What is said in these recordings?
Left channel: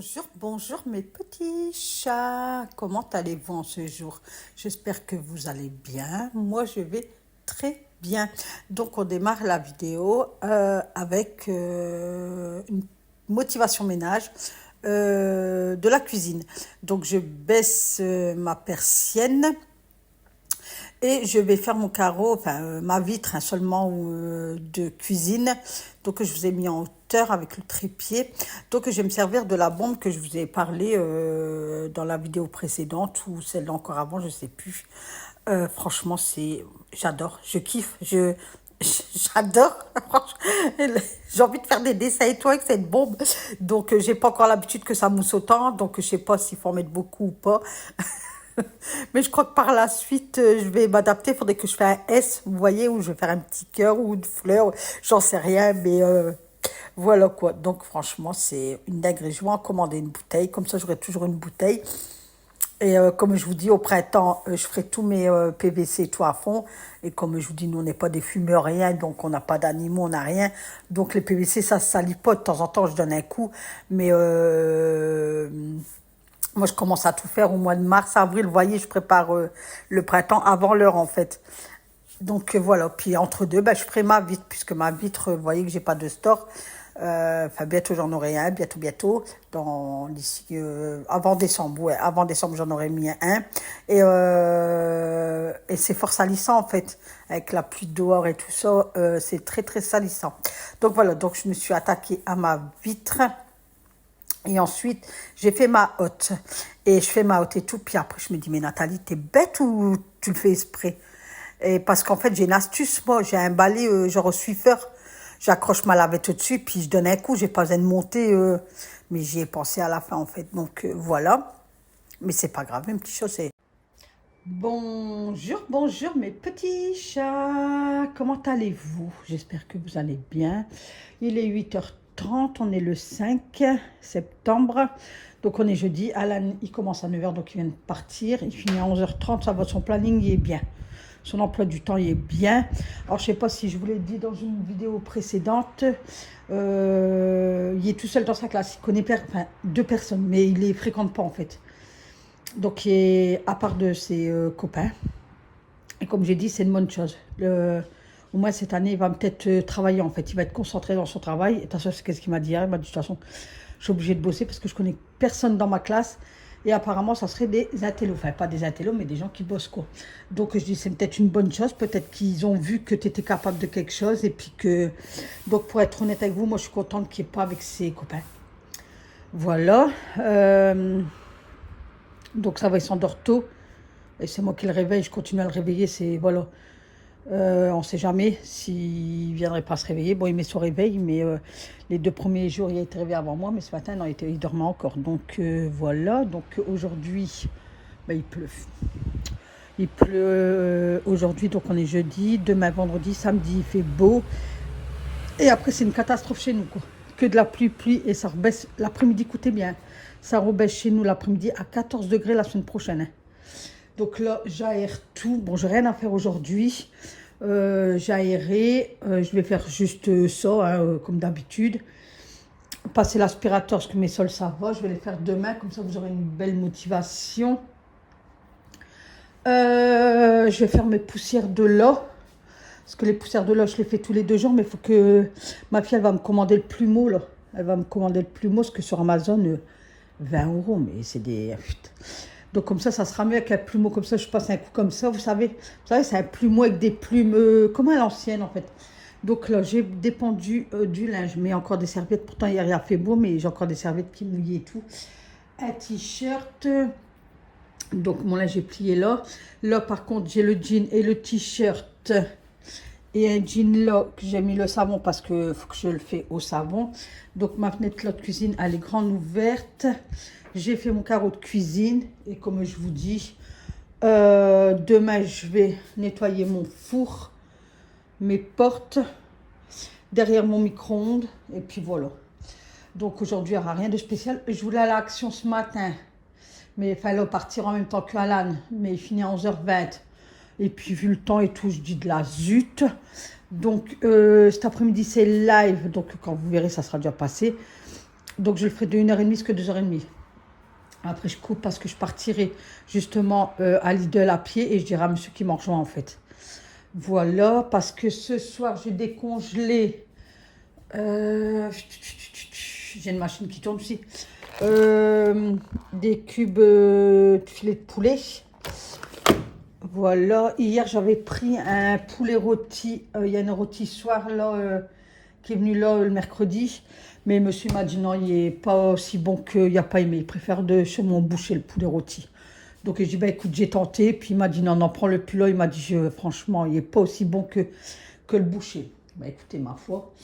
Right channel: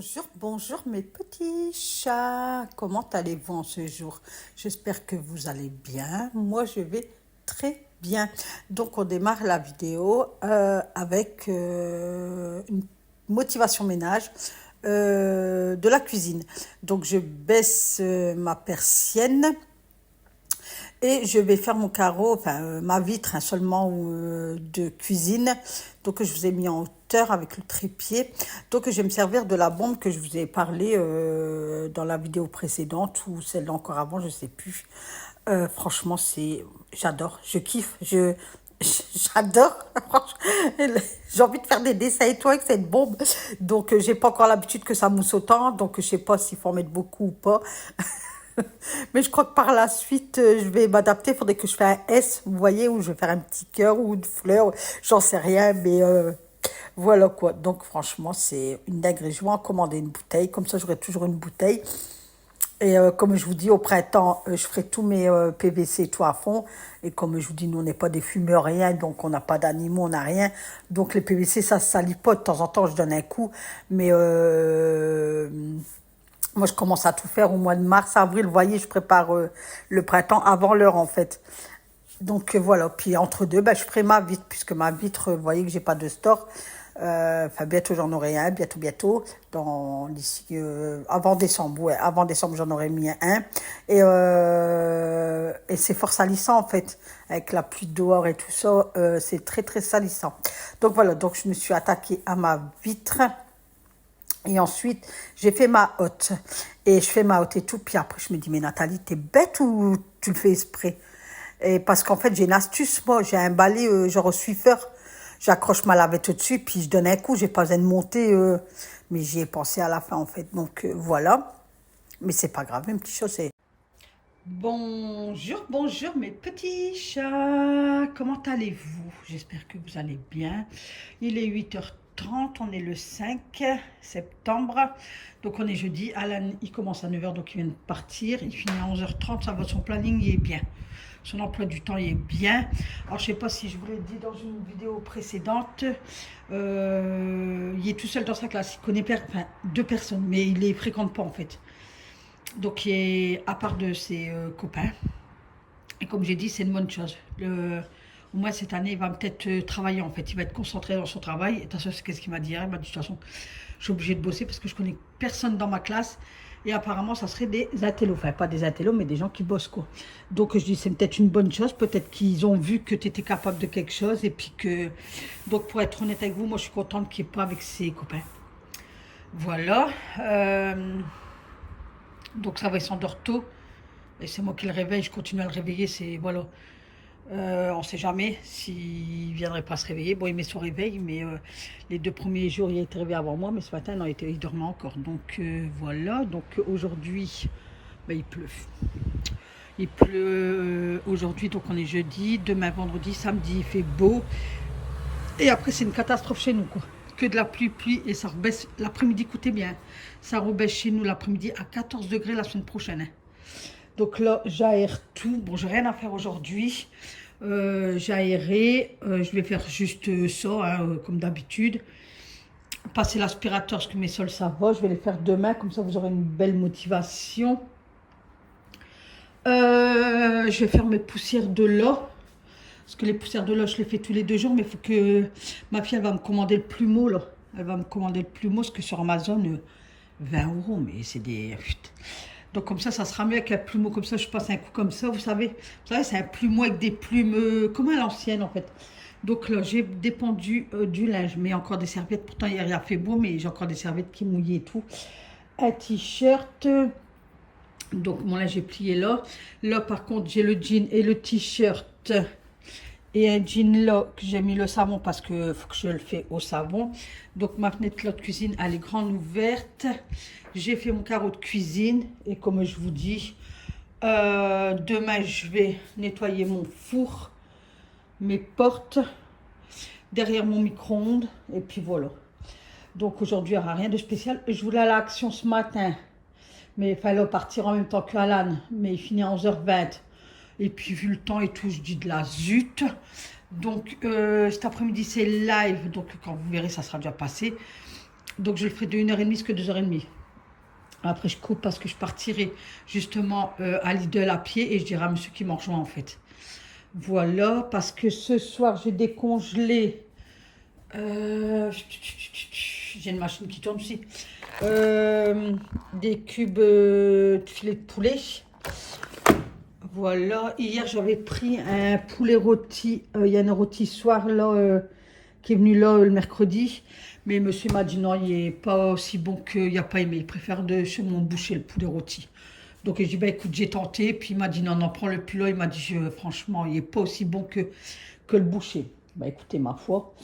Bonjour, bonjour mes petits chats. Comment allez-vous en ce jour? J'espère que vous allez bien. Moi, je vais très bien. Donc, on démarre la vidéo avec une motivation ménage de la cuisine. Donc, je baisse ma persienne. Et je vais faire mon carreau, enfin ma vitre seulement de cuisine. Donc je vous ai mis en hauteur avec le trépied. Donc je vais me servir de la bombe que je vous ai parlé dans la vidéo précédente ou celle encore avant, je ne sais plus. Franchement, j'adore, je kiffe, j'adore. J'ai envie de faire des dessins et tout avec cette bombe. Donc j'ai pas encore l'habitude que ça mousse autant. Donc je sais pas s'il faut en mettre beaucoup ou pas. Mais je crois que par la suite, je vais m'adapter. Il faudrait que je fasse un S, vous voyez, où je vais faire un petit cœur ou une fleur, j'en sais rien, mais voilà quoi. Donc franchement, c'est une dinguerie. Je vais en commander une bouteille, comme ça j'aurai toujours une bouteille. Et comme je vous dis, au printemps, je ferai tous mes PVC tout à fond. Et comme je vous dis, nous, on n'est pas des fumeurs, rien, donc on n'a pas d'animaux, on n'a rien. Donc les PVC, ça se salit pas. De temps en temps, je donne un coup. Mais moi, je commence à tout faire au mois de mars, avril. Vous voyez, je prépare le printemps avant l'heure, en fait. Donc, voilà. Puis, entre deux, ben, je ferai ma vitre, puisque ma vitre, vous voyez que j'ai pas de store. Enfin, bientôt, j'en aurai un. Bientôt. D'ici, avant décembre. Ouais, avant décembre, j'en aurai mis un. Et c'est fort salissant, en fait. Avec la pluie dehors et tout ça, c'est très, très salissant. Donc, voilà. Donc, je me suis attaquée à ma vitre. Et ensuite, j'ai fait ma hotte. Et je fais ma hotte et tout. Puis après, je me dis, mais Nathalie, t'es bête ou tu le fais exprès? Et parce qu'en fait, j'ai une astuce, moi. J'ai un balai, genre au Swiffer. J'accroche ma lavette au-dessus, puis je donne un coup. J'ai pas besoin de monter. Mais j'y ai pensé à la fin, en fait. Donc, voilà. Mais c'est pas grave, une petite chose, c'est... Bonjour, bonjour mes petits chats. Comment allez-vous? J'espère que vous allez bien. Il est 8h30, on est le 5 septembre. Donc on est jeudi. Alan, il commence à 9h, donc il vient de partir. Il finit à 11h30, ça va, son planning, il est bien. Son emploi du temps, il est bien. Alors je ne sais pas si je vous l'ai dit dans une vidéo précédente. Il est tout seul dans sa classe. Il connaît deux personnes, mais il ne les fréquente pas en fait. Donc, il est à part de ses copains. Et comme j'ai dit, c'est une bonne chose. Au moins, cette année, il va peut-être travailler, en fait. Il va être concentré dans son travail. Et de toute façon, c'est ce qu'il m'a dit hier. Il m'a dit, de toute façon, je suis obligée de bosser parce que je connais personne dans ma classe. Et apparemment, ça serait des intellos. Enfin, pas des intellos, mais des gens qui bossent, quoi. Donc, je dis, c'est peut-être une bonne chose. Peut-être qu'ils ont vu que tu étais capable de quelque chose. Et puis que... Donc, pour être honnête avec vous, moi, je suis contente qu'il n'y ait pas avec ses copains. Voilà. Donc ça va, il s'endort tôt. Et c'est moi qui le réveille, je continue à le réveiller. C'est voilà. On ne sait jamais s'il ne viendrait pas se réveiller. Bon, il met son réveil, mais les 2 premiers jours, il a été réveillé avant moi. Mais ce matin, non, il dormait encore. Donc voilà. Donc aujourd'hui, ben, il pleut. Il pleut aujourd'hui, donc on est jeudi. Demain, vendredi, samedi, il fait beau. Et après, c'est une catastrophe chez nous, quoi. Que de la pluie, et ça rebaisse l'après-midi, écoutez bien. Ça rebaisse chez nous l'après-midi à 14 degrés la semaine prochaine. Donc là, j'aère tout. Bon, j'ai rien à faire aujourd'hui. J'ai aéré. Je vais faire juste ça, hein, comme d'habitude. Passer l'aspirateur, parce que mes sols, ça va. Je vais les faire demain, comme ça, vous aurez une belle motivation. Je vais faire mes poussières de là. Parce que les poussières de là, je les fais tous les 2 jours. Mais il faut que ma fille, elle va me commander le plumeau, là. Elle va me commander le plumeau, parce que sur Amazon, 20 €, mais c'est des... Donc comme ça sera mieux avec un plumeau. Comme ça, je passe un coup comme ça, vous savez, c'est un plumeau avec des plumes, comme à l'ancienne, en fait. Donc là, j'ai dépendu du linge, mais encore des serviettes. Pourtant, hier, il a fait beau, mais j'ai encore des serviettes qui mouillent et tout. Un t-shirt... Donc, mon linge est plié là. Là, par contre, j'ai le jean et le t-shirt. Et un jean là, que j'ai mis le savon parce que faut que je le fais au savon. Donc, ma fenêtre là de cuisine, elle est grande ouverte. J'ai fait mon carreau de cuisine. Et comme je vous dis, demain, je vais nettoyer mon four, mes portes, derrière mon micro-ondes. Et puis, voilà. Donc, aujourd'hui, il n'y aura rien de spécial. Je voulais aller à l'action ce matin. Mais il fallait partir en même temps que Alan. Mais il finit à 11h20. Et puis, vu le temps et tout, je dis de la zut. Donc, cet après-midi, c'est live. Donc, quand vous verrez, ça sera déjà passé. Donc je le ferai de 1h30 jusqu'à 2h30. Après je coupe parce que je partirai justement à Lidl à pied et je dirai à monsieur qui m'en rejoint en fait. Voilà, parce que ce soir j'ai décongelé. J'ai une machine qui tourne aussi. Des cubes de filet de poulet. Voilà, hier j'avais pris un poulet rôti. Il y a un rôti soir là qui est venu là le mercredi. Mais monsieur m'a dit non, il n'est pas aussi bon qu'il n'a pas aimé. Il préfère de chez mon boucher le poulet rôti. Donc j'ai dit bah écoute, j'ai tenté. Puis il m'a dit non, non, prends le plus là. Il m'a dit franchement, il n'est pas aussi bon que le boucher. Bah écoutez, ma foi.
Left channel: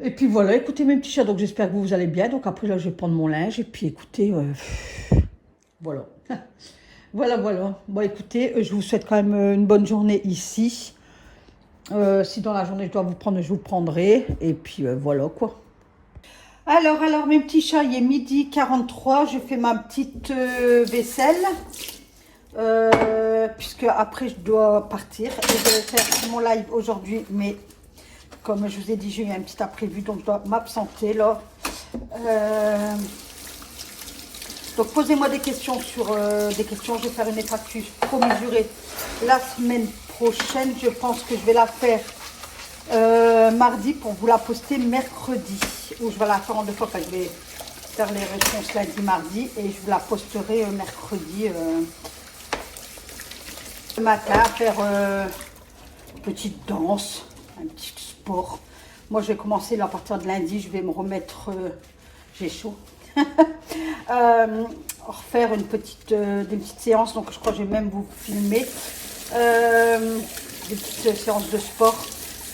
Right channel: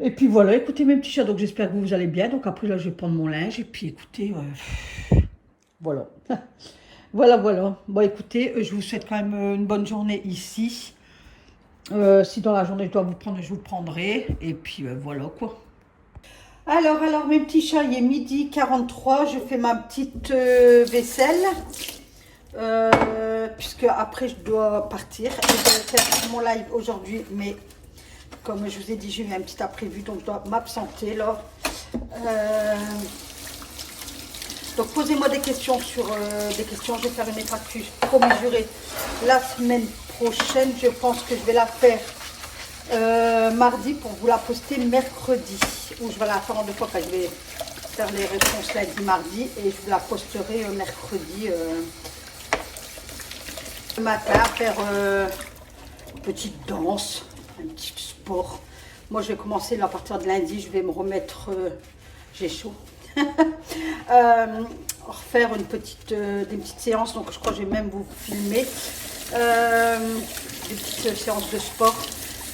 Et puis voilà, écoutez mes petits chats, donc j'espère que vous allez bien. Donc après là, je vais prendre mon linge et puis écoutez, voilà. Voilà. Bon écoutez, je vous souhaite quand même une bonne journée ici. Si dans la journée je dois vous prendre, je vous prendrai. Et puis voilà quoi. Alors mes petits chats, il est 12h43, je fais ma petite vaisselle. Puisque après je dois partir. Et je vais faire mon live aujourd'hui, mais comme je vous ai dit, j'ai eu un petit imprévu, donc je dois m'absenter là. Donc posez-moi des questions sur des questions. Je vais faire une FAQ pour mesurer la semaine prochaine. Je pense que je vais la faire mardi pour vous la poster mercredi. Ou je vais la faire en deux fois, je vais faire les réponses lundi, mardi et je vous la posterai mercredi le matin, faire une petite danse, un petit sport. Moi je vais commencer là, à partir de lundi, je vais me remettre, j'ai chaud. Refaire des petites séances, donc je crois que je vais même vous filmer des petites séances de sport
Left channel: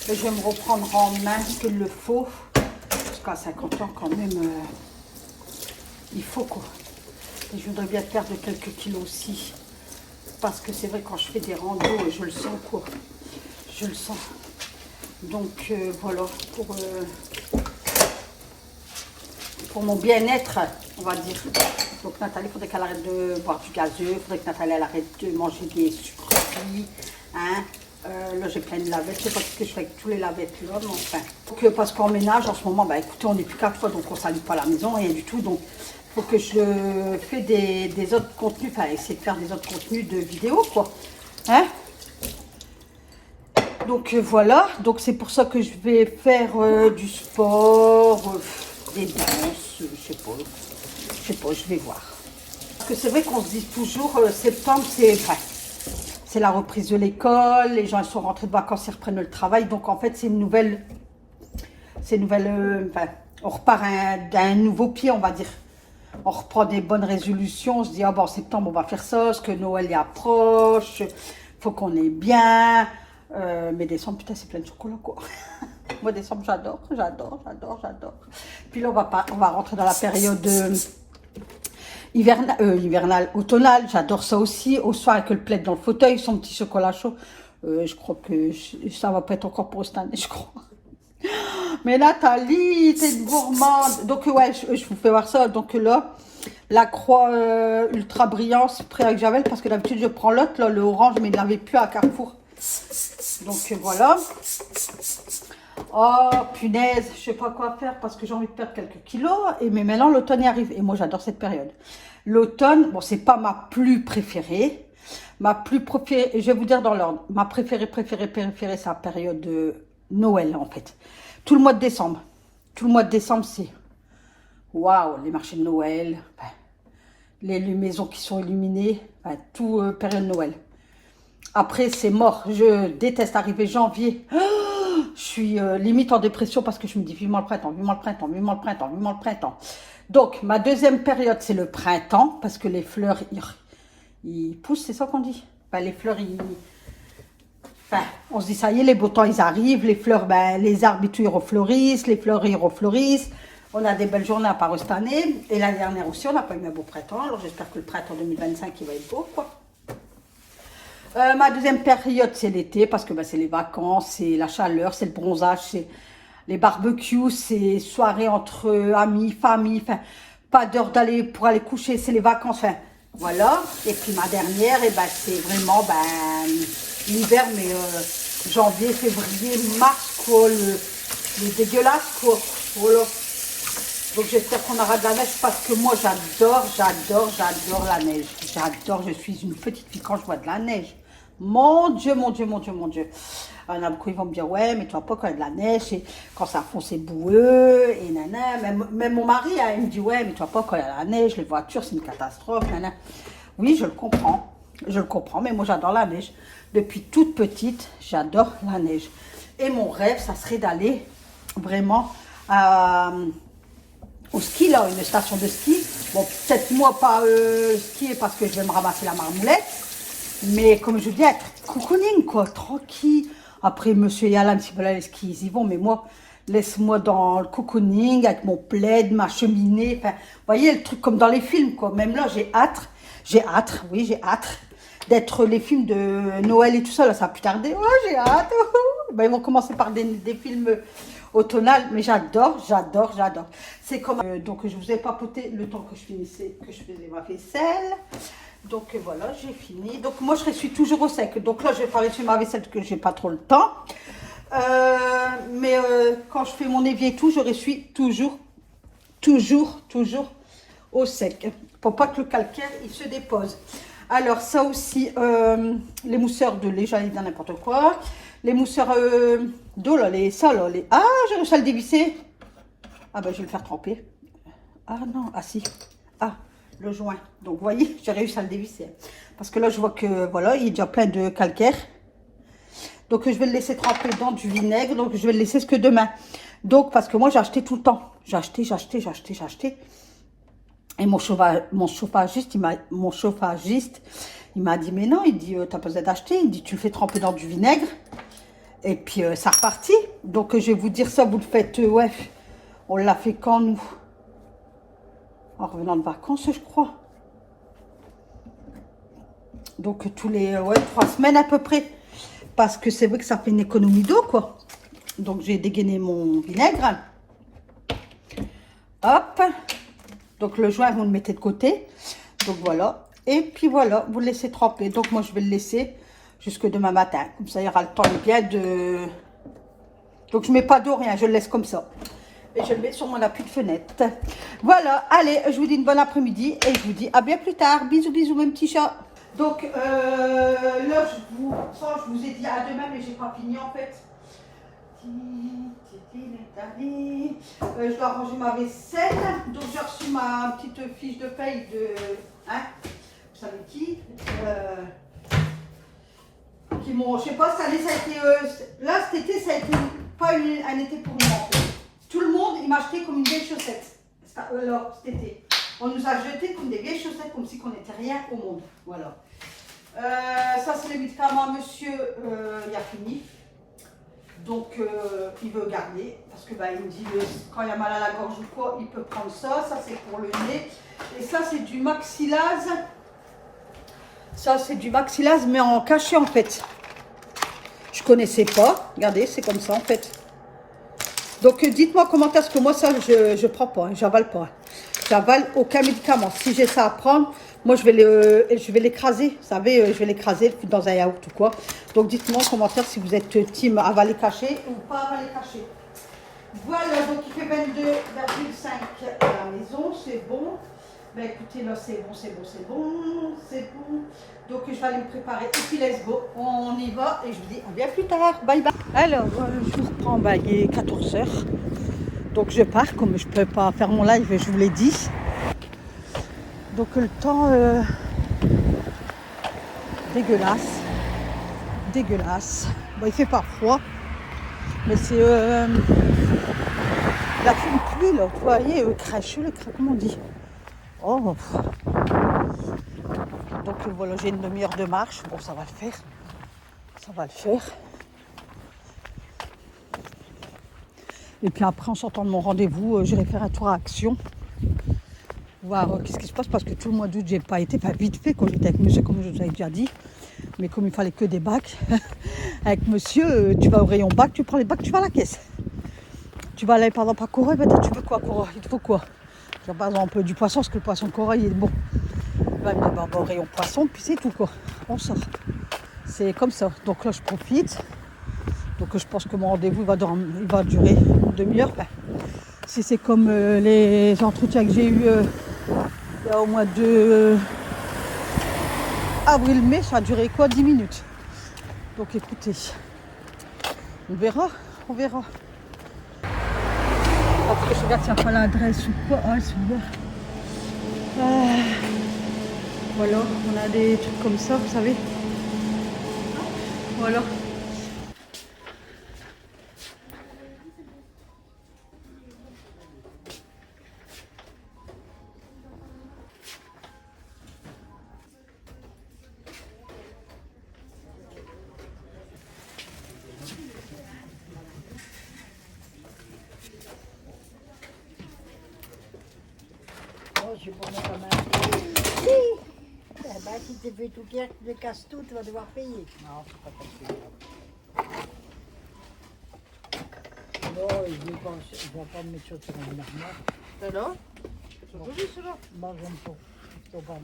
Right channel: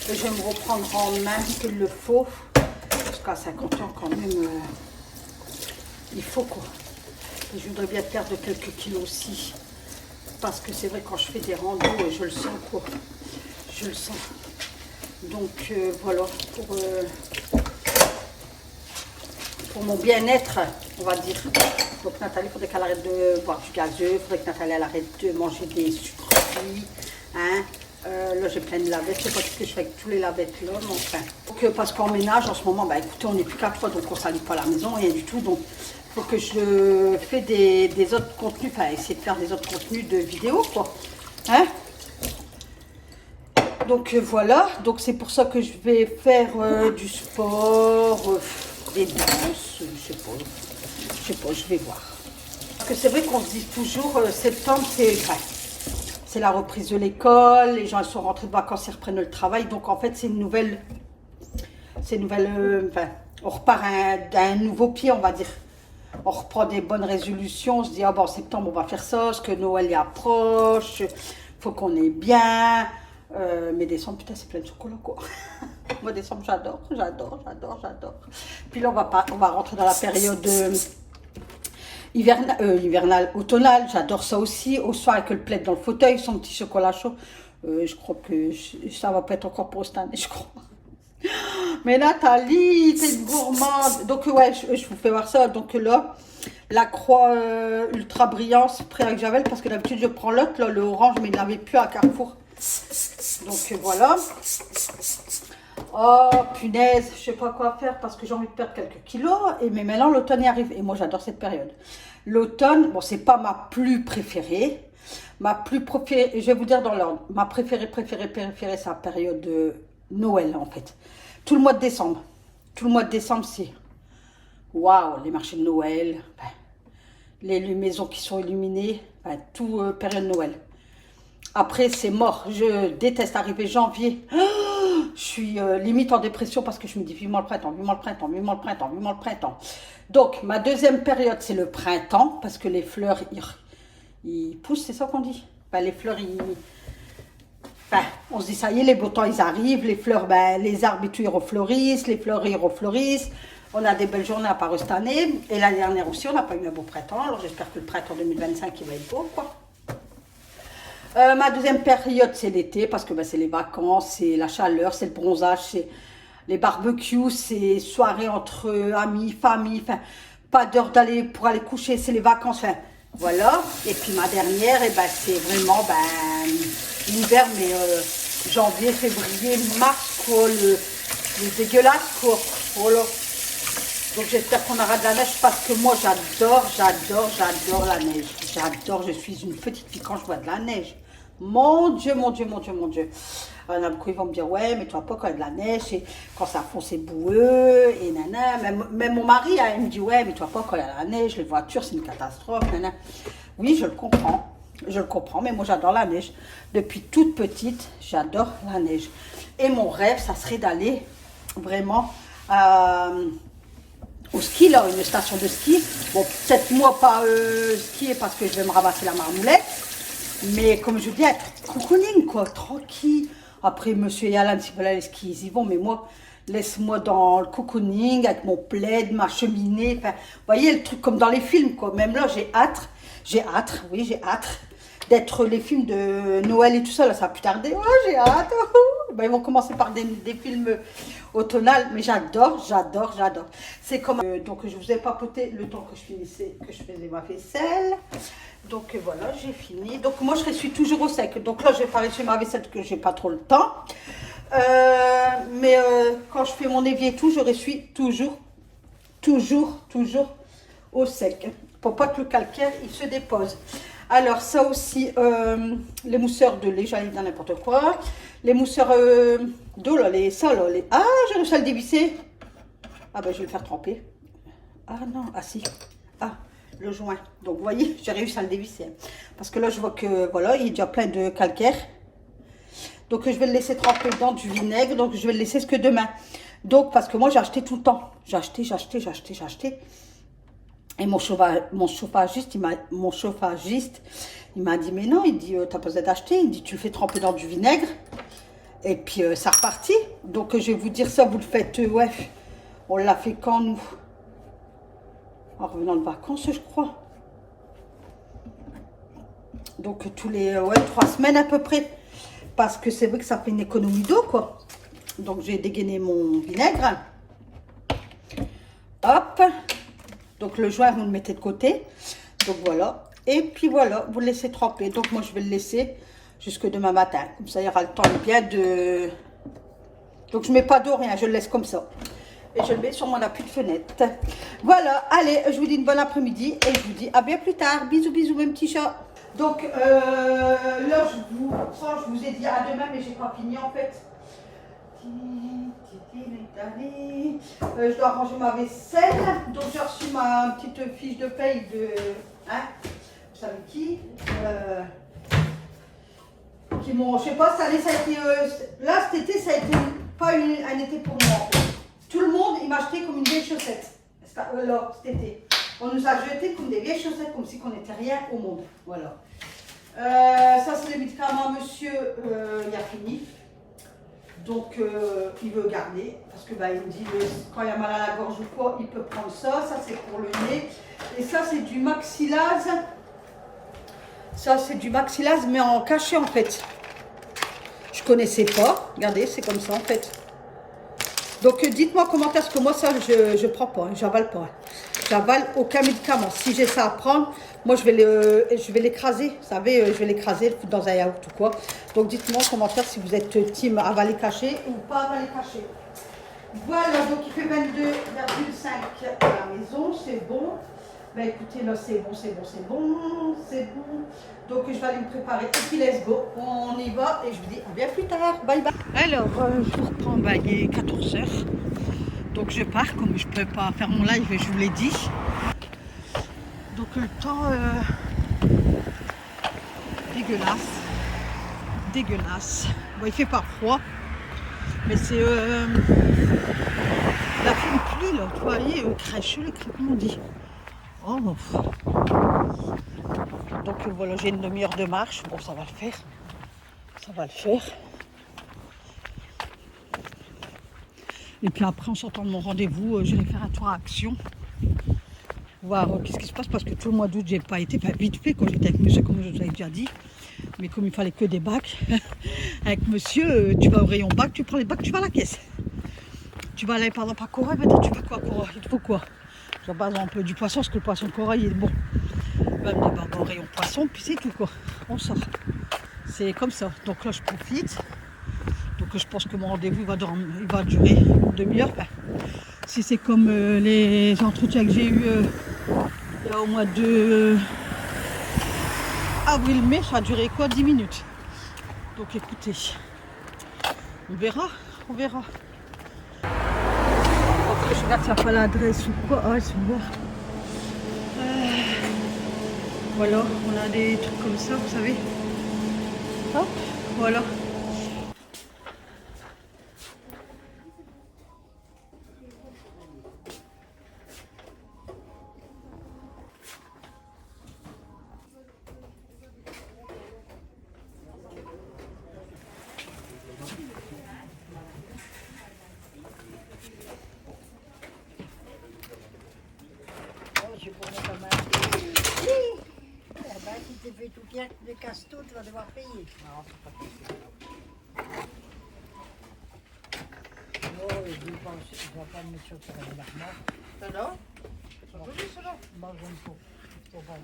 et je vais me reprendre en main s'il le faut, parce qu'à 50 ans quand même il faut quoi. Et je voudrais bien perdre quelques kilos aussi, parce que c'est vrai quand je fais des randos je le sens quoi, je le sens. Donc voilà, pour mon bien-être, on va dire. Donc Nathalie, il faudrait qu'elle arrête de boire du gazeux, il faudrait que Nathalie elle arrête de manger des sucreries. Hein. Là j'ai plein de lavettes, je sais pas ce que je fais avec tous les lavettes là, mais enfin. Donc, parce qu'en ménage en ce moment, bah écoutez, on n'est plus qu'à 3, donc on ne salue pas la maison, rien du tout. Donc il faut que je fais des autres contenus, enfin essayer de faire des autres contenus de vidéos quoi. Hein. Donc voilà, donc c'est pour ça que je vais faire du sport. Des danses, je sais pas, je vais voir. Parce que c'est vrai qu'on se dit toujours, septembre, c'est la reprise de l'école, les gens ils sont rentrés de vacances, ils reprennent le travail, donc en fait c'est une nouvelle, enfin, on repart d'un nouveau pied, on va dire. On reprend des bonnes résolutions, on se dit, ah bon, en septembre on va faire ça, parce que Noël y approche, faut qu'on est bien. Mais décembre, putain, c'est plein de chocolat quoi. Moi, décembre, j'adore. Puis là, on va rentrer dans la période hivernale, automnale. J'adore ça aussi. Au soir, avec le plaid dans le fauteuil, son petit chocolat chaud. Je crois que ça va pas être encore pour cette année, je crois. Mais Nathalie, t'es une gourmande. Donc, ouais, je vous fais voir ça. Donc là, la croix ultra brillance prêt avec Javel, parce que d'habitude, je prends l'autre, là, le orange, mais il n'avait plus à Carrefour. Donc voilà. Oh punaise, je sais pas quoi faire parce que j'ai envie de perdre quelques kilos. Mais maintenant l'automne y arrive et moi j'adore cette période. L'automne, bon c'est pas ma plus préférée. Ma plus préférée, et je vais vous dire dans l'ordre. Ma préférée, c'est la période de Noël en fait. Tout le mois de décembre. Tout le mois de décembre c'est waouh, les marchés de Noël, les maisons qui sont illuminées, tout période de Noël. Après, c'est mort. Je déteste arriver janvier. Je suis limite en dépression parce que je me dis vivement le printemps, vivement le printemps, vivement le printemps, vivement le printemps. Donc, ma deuxième période, c'est le printemps parce que les fleurs, ils poussent, c'est ça qu'on dit. Les fleurs, on se dit ça y est, les beaux temps, ils arrivent. Les fleurs, les arbres et tout, ils refleurissent. Les fleurs, ils refleurissent. On a des belles journées à part cette année. Et l'année dernière aussi, on n'a pas eu un beau printemps. Alors, j'espère que le printemps 2025, il va être beau, quoi. Ma deuxième période, c'est l'été, parce que c'est les vacances, c'est la chaleur, c'est le bronzage, c'est les barbecues, c'est soirées entre amis, famille, enfin, pas d'heure pour aller coucher, c'est les vacances, enfin, voilà. Et puis ma dernière, c'est vraiment l'hiver, mais janvier, février, mars, quoi, le dégueulasse, quoi. Voilà. Donc j'espère qu'on aura de la neige parce que moi j'adore la neige. J'adore, je suis une petite fille quand je vois de la neige. Mon Dieu, mon Dieu, mon Dieu, mon Dieu. Il y en a beaucoup, ils vont me dire, ouais, mais tu vois pas quand il y a de la neige, et quand ça fond, c'est boueux, et nana. Même mon mari, hein, il me dit, ouais, mais tu vois pas quand il y a de la neige, les voitures, c'est une catastrophe, nana. Oui, je le comprends. Je le comprends, mais moi j'adore la neige. Depuis toute petite, j'adore la neige. Et mon rêve, ça serait d'aller vraiment au ski, là, une station de ski. Bon, peut-être moi pas skier parce que je vais me ramasser la marmoulette. Mais comme je dis, être cocooning, quoi, tranquille. Après, monsieur Yalan, s'ils veulent aller skier, ils y vont. Mais moi, laisse-moi dans le cocooning avec mon plaid, ma cheminée. Enfin, vous voyez, le truc comme dans les films, quoi. Même là, j'ai hâte, oui, j'ai hâte d'être les films de Noël et tout ça. Là, ça va plus tarder. Ouais, j'ai hâte. Ben, ils vont commencer par des films automnal, mais j'adore. C'est comme donc je vous ai papoté le temps que je finissais, que je faisais ma vaisselle. Donc voilà, j'ai fini. Donc moi je suis toujours au sec. Donc là je vais pas réussir ma vaisselle parce que j'ai pas trop le temps. Mais quand je fais mon évier et tout, je suis toujours au sec pour pas que le calcaire il se dépose. Alors ça aussi, les mousseurs de lait, j'allais dire n'importe quoi. Les mousseurs d'eau, là, Ah, j'ai réussi à le dévisser. Ah ben, je vais le faire tremper. Ah non, ah si. Ah, le joint. Donc, vous voyez, j'ai réussi à le dévisser. Parce que là, je vois que, voilà, il y a déjà plein de calcaire. Donc, je vais le laisser tremper dans du vinaigre. Donc, je vais le laisser jusque demain. Donc, parce que moi, j'ai acheté tout le temps. J'ai acheté. Et mon chauffagiste, il m'a dit, mais non, il dit, t'as pas besoin d'acheter. Il dit, tu le fais tremper dans du vinaigre. Et puis, ça repartit. Donc, je vais vous dire ça, vous le faites, ouais. On l'a fait quand, nous? En revenant de vacances, je crois. Donc, tous les 3 semaines à peu près. Parce que c'est vrai que ça fait une économie d'eau, quoi. Donc, j'ai dégainé mon vinaigre. Hop. Donc, le joint, vous le mettez de côté. Donc, voilà. Et puis, voilà, vous le laissez tremper. Donc, moi, je vais le laisser jusque demain matin. Comme ça, il y aura le temps bien de... Donc, je ne mets pas d'eau, rien. Je le laisse comme ça. Et je le mets sur mon appui de fenêtre. Voilà. Allez, je vous dis une bonne après-midi. Et je vous dis à bien plus tard. Bisous, bisous, mes petits chats. Donc, là, je vous ai dit à demain, mais j'ai pas fini, en fait. Je dois ranger ma vaisselle. Donc, j'ai reçu ma petite fiche de paye de... Hein, vous savez qui m'ont, je sais pas, cette année ça a été, là cet été ça a été pas un été pour moi. En fait. Tout le monde il m'a acheté comme une vieille chaussette. Là, cet été, on nous a jeté comme des vieilles chaussettes, comme si on n'était rien au monde. Voilà. Ça c'est les médicaments, monsieur, il a fini. Donc il veut garder parce que bah, il me dit quand il a mal à la gorge ou quoi, il peut prendre ça. Ça c'est pour le nez. Et ça c'est du maxillase. Ça, c'est du maxillase, mais en cachet, en fait. Je connaissais pas. Regardez, c'est comme ça, en fait. Donc, dites-moi comment est-ce que moi, ça, je prends pas. Hein, j'avale pas. J'avale aucun médicament. Si j'ai ça à prendre, moi, je vais l'écraser. Vous savez, je vais l'écraser, le foutre dans un yaourt ou quoi. Donc, dites-moi en commentaire si vous êtes team avaler caché ou pas avaler caché. Voilà, donc il fait 22,5 à la maison. C'est bon. Ben écoutez, là c'est bon. Donc je vais aller me préparer et puis let's go, on y va et je vous dis à bien plus tard, bye bye. Alors, je vous reprends, ben, il est 14 h. Donc je pars, comme je ne peux pas faire mon live, je vous l'ai dit. Donc le temps, dégueulasse. Bon, il fait pas froid, mais c'est la fine pluie là, vous voyez, crèche, comment on dit. Oh, donc voilà, j'ai une demi-heure de marche. Bon, ça va le faire. Et puis après, en sortant de mon rendez-vous, je vais faire un tour à Action. Voir qu'est-ce qui se passe, parce que tout le mois d'août, j'ai pas été, pas vite fait quand j'étais avec monsieur, comme je vous avais déjà dit. Mais comme il fallait que des bacs, avec monsieur, tu vas au rayon bac, tu prends les bacs, tu vas à la caisse. Tu vas aller par exemple à Corail, ben, tu veux quoi Corail? Il te faut quoi? Genre, par exemple du poisson, parce que le poisson Corail il est bon. Ben, on va au rayon poisson, puis c'est tout quoi. On sort. C'est comme ça. Donc là, je profite. Donc je pense que mon rendez-vous va durer une demi-heure. Ben, si c'est comme les entretiens que j'ai eus il y a au mois de avril-mai, ça a duré quoi, 10 minutes. Donc écoutez, on verra, on verra. Après, je regarde s'il n'y a pas l'adresse ou quoi. Ah, ils sont ouverts. Voilà, on a des trucs comme ça, vous savez. Ah, voilà. Je vais prendre ta main. Si. Eh ben, si tu fais tout hier, tu me casses tout, tu vas devoir payer. Non, c'est pas possible. Non, je vais pas me mettre sur le normal. Alors, Moi, j'aime pas. Je t'en parle.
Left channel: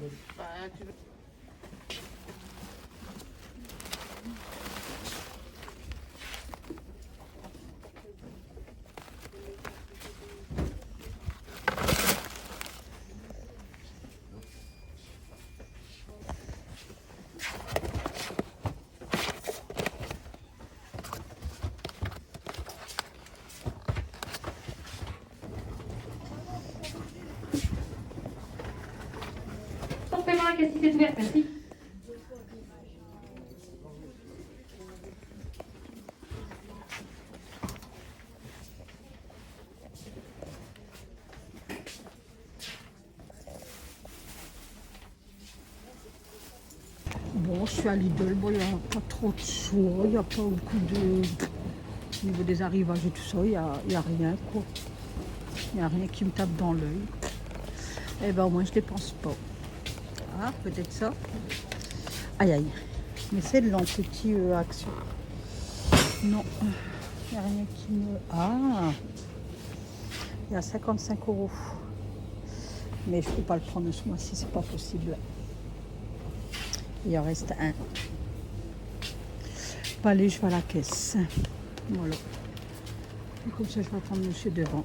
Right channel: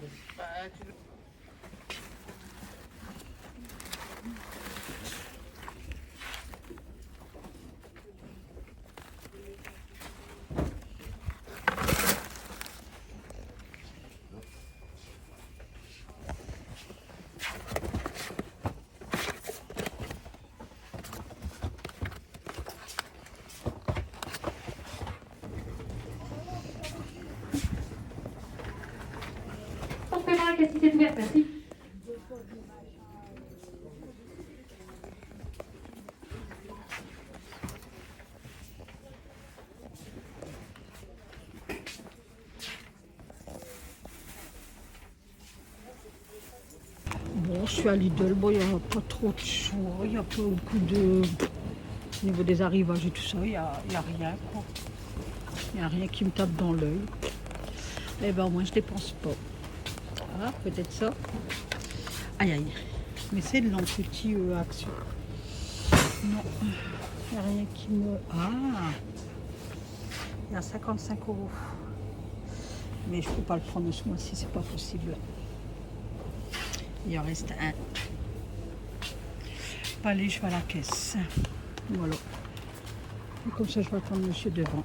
Paiement à caisse est ouverte, merci. bon, je suis à Lidl. Bon, il n'y a pas trop de choix. Il n'y a pas beaucoup de... Au niveau des arrivages et tout ça, il n'y a rien. Quoi. Il n'y a rien qui me tape dans l'œil. Eh ben, au moins, je ne dépense pas. Ah, peut-être ça. Aïe, aïe. Mais c'est de l'anti action. Non, il n'y a rien qui me... Ah, il y a 55 €. Mais je ne peux pas le prendre ce mois-ci, c'est pas possible. Il en reste un. Bon, allez, je vais à la caisse. Voilà. Et comme ça, je vais attendre monsieur devant.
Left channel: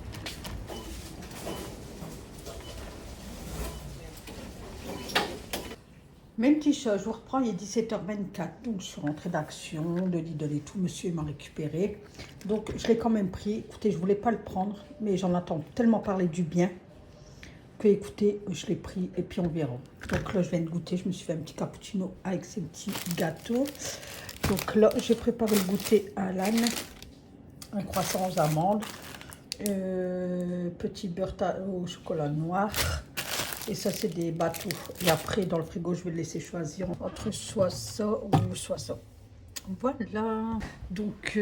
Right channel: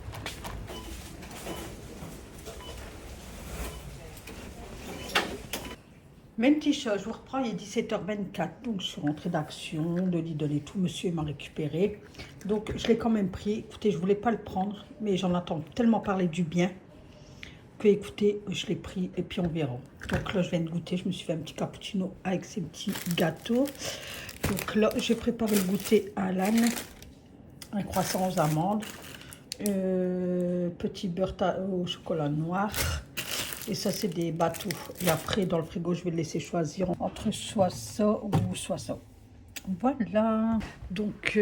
Même petit chat, je vous reprends, il est 17h24, donc je suis rentrée d'action, de Lidl et tout, monsieur m'a récupéré. Donc je l'ai quand même pris, écoutez, je voulais pas le prendre, mais j'en entends tellement parler du bien, que écoutez, je l'ai pris et puis on verra. Donc là, je viens de goûter, je me suis fait un petit cappuccino avec ces petits gâteaux. Donc là, j'ai préparé le goûter à l'âne, un croissant aux amandes, petit beurre au chocolat noir. Et ça, c'est des bateaux. Et après, dans le frigo, je vais le laisser choisir entre soit ça ou soit ça. Voilà. Donc,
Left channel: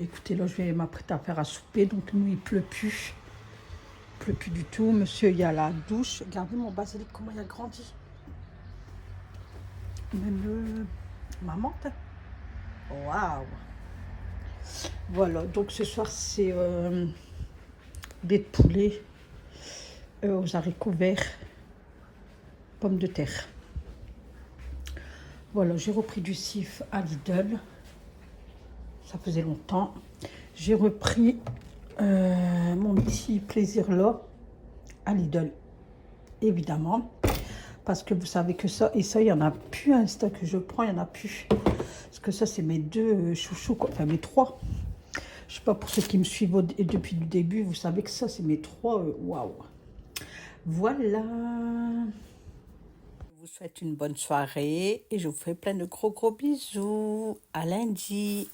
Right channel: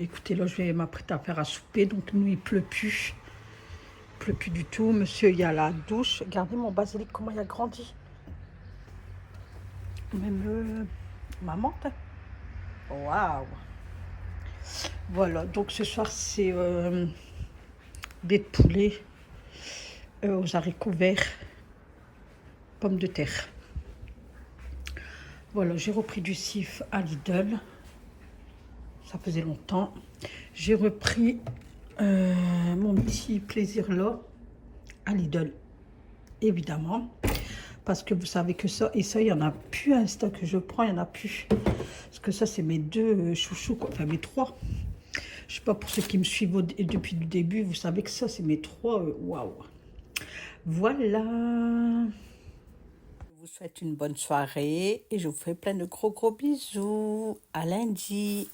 écoutez, là, je vais m'apprêter à faire à souper. Donc, nous, il pleut plus. Il pleut plus du tout. Monsieur, il y a la douche. Regardez mon basilic, comment il a grandi. Même ma menthe. Waouh. Voilà. Donc, ce soir, c'est des poulets aux haricots verts, pommes de terre. Voilà, j'ai repris du Cif à Lidl. Ça faisait longtemps. J'ai repris mon petit plaisir là à Lidl, évidemment. Parce que vous savez que ça, et ça, il n'y en a plus. Un stock que je prends, il n'y en a plus. Parce que ça, c'est mes deux chouchous, quoi. Enfin mes trois. Je ne sais pas, pour ceux qui me suivent depuis le début, vous savez que ça, c'est mes trois. Waouh. Voilà. Je vous souhaite une bonne soirée et je vous fais plein de gros bisous. À lundi.